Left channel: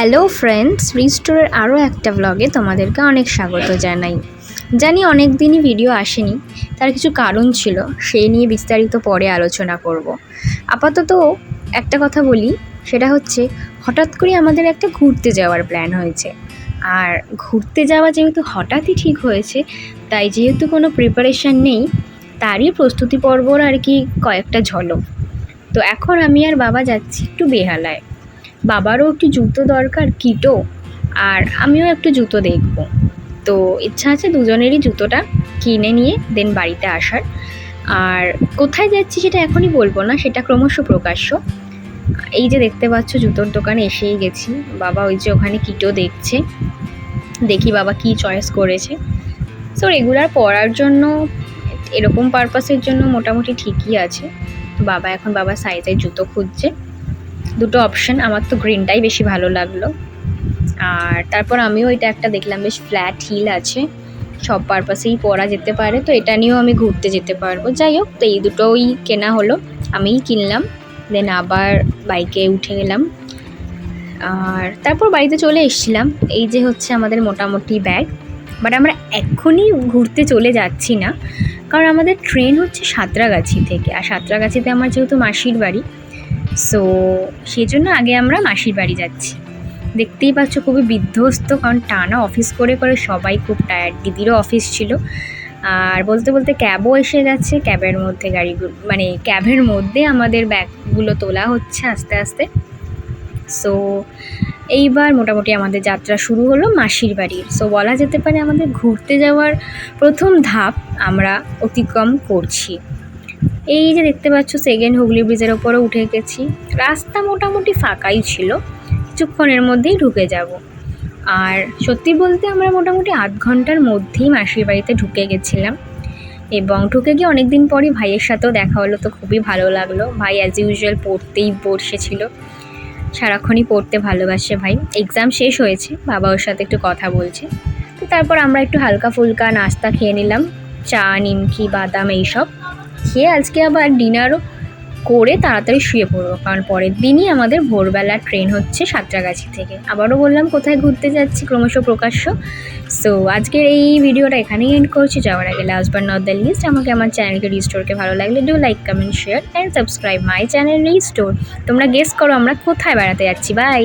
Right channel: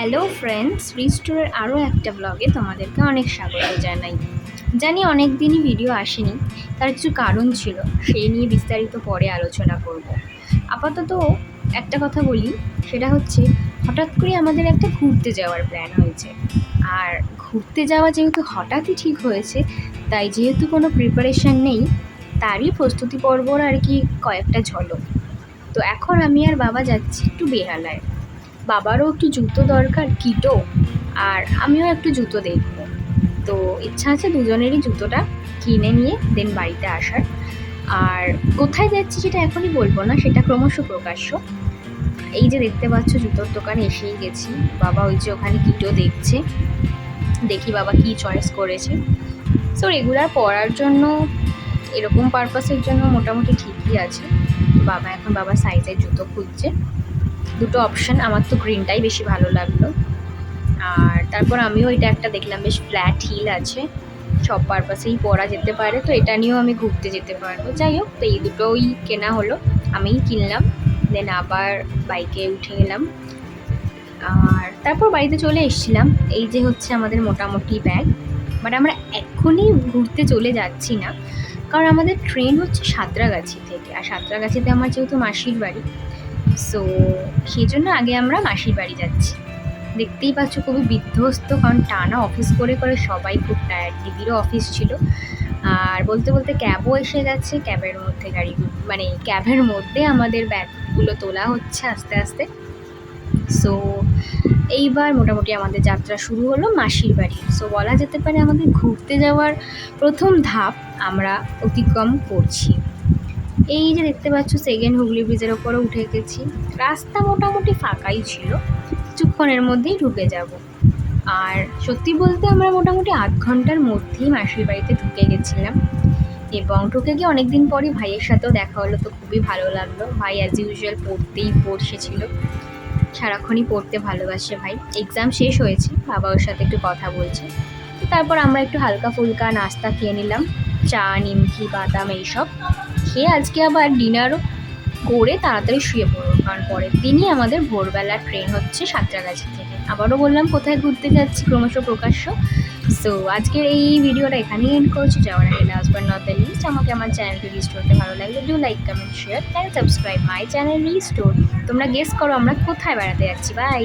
Hello friends, রিস্টোরের আরও একটা ব্লগে তোমাদেরকে অনেক স্বাগত জানাই। জানি অনেক দিনই ভিডিও আসেনি, তার কিছু কারণ ছিল, সেই নিয়ে বিস্তারিত পরে আলোচনা করব। আপাতত একটা কথা বলি, সেটা হচ্ছে হঠাৎ করে আমাদের একটা ঘুরতে যাওয়ার প্ল্যান হয়েছে। আর ঘুরতে যাওয়া যেহেতু হঠাৎই ঠিক হয়েছে, তাই যেহেতু কোনো প্রিপারেশান নেই, তারই প্রস্তুতি পর্বর আর কি কয়েকটা ঝলক। তো এখন আমি আর বাবা যাচ্ছি একটু বেহালায়। বাবারও একটু জুতো দরকার, কিটো, আর আমিও একটু জুতো দেখব। তো ইচ্ছা আছে দুজনেরই জুতোটা কিনে নিয়ে দেন বাড়িতে আসার। আর কোথায় যাচ্ছি সেটা এখনই বলবো না, সেটা ক্রমশ প্রকাশ্য। এই যে দেখতে পাচ্ছ জুতোর দোকানে এসেই গেছি। বাবা ওই যে ওখানে কিটো দেখছে, দেখি বাবা কি চয়েস করেছে। সো রেগুলার পরার জন্য, এরকম পারপাসের জন্য মোটামুটি ঠিকই আছে। বাবা এখন বাবার সাইজের জুতো খুঁজছে। দুটো অপশান, আমার তো গ্রিনটাই বেশি ভালো লাগলো। আর তারপর আমিও এটা একটা দেখলাম, বেশ ফ্ল্যাট হিল আছে, সব পারপাসেই পরা যেতে পারে, তো এটা নিয়েও আমি ঘুরতে যেতে পারবো। যাই হোক, তো এই দুটোই কেনা হলো, আমিই কিনলাম। দেন আবার বাইকে উঠে গেলাম, আর তারপর বাড়িতে চলে এসেছিলাম। এই যে হচ্ছে আমাদের মোটামুটি ব্যাগ। বাট আমরা এক্ষুনি ঘুরতে চলে যাচ্ছি না, কারণ আমাদের ট্রেন হচ্ছে সাঁতরাগাছি থেকে, আর সাঁতরাগাছিতে আমার যেহেতু মাসির বাড়ি, সো সেই জন্য আগে আমরা মাসির বাড়ি যাচ্ছি। দেখতেই পাচ্ছ খুবই বিধ্বস্ত, কারণ টানা অফিস করে করে সবাই খুব টায়ার্ড। দিদিরও অফিস ছিল, আর বলতে বলতে ক্যাবও এসে গেছে। ক্যাবের মধ্যে ক্যাবের মধ্যে আমাদের ব্যাগগুলো তোলা হচ্ছে আস্তে আস্তে। সো এইবার মোটামুটি আমাদের যাত্রা শুরু হলো মাসির বাড়ি। সো বলা যেতে পারে আমাদের ঘুরতে যাওয়ার প্রথম ধাপ আমরা অতিক্রম করছি। এই যে দেখতে পাচ্ছ সেকেন্ড হুগলি ব্রিজের ওপরে উঠে গেছি। রাস্তা মোটামুটি ফাঁকাই ছিল, কিছুক্ষণের মধ্যেই ঢুকে যাব। আর সত্যি বলতে আমরা মোটামুটি আধ ঘন্টার মধ্যেই মাসির বাড়িতে ঢুকে গেছিলাম। এবং ঢুকে গিয়ে অনেক দিন পরই ভাইয়ের সাথেও দেখা হলো, তো খুবই ভালো লাগলো। ভাই অ্যাজ ইউজুয়াল পড়তেই বসেছিল, সারাক্ষণই পড়তে ভালোবাসে ভাই। এক্সাম শেষ হয়েছে, বাবা ওর সাথে একটু কথা বলছে। তো তারপর আমরা একটু হালকা ফুলকা নাস্তা খেয়ে নিলাম, চা, নিমকি, বাদাম এইসব খেয়ে আজকে আবার ডিনারও করে তাড়াতাড়ি শুয়ে পড়বো, কারণ পরের দিনই আমাদের ভোরবেলা ট্রেন হচ্ছে সাঁতরাগাছি থেকে। আবারও বললাম কোথায় ঘুরতে যাচ্ছি, ক্রমশ প্রকাশ্য। সো আজকের এই ভিডিওটা এখানেই এন্ড করছি। যাওয়ার আগে last but not the least, আমাকে আমার চ্যানেলকে রিস্টোরকে ভালো লাগলে do like, comment, share and subscribe my channel Restore. তোমরা গেস করো আমরা কোথায় বেড়াতে যাচ্ছি। বাই।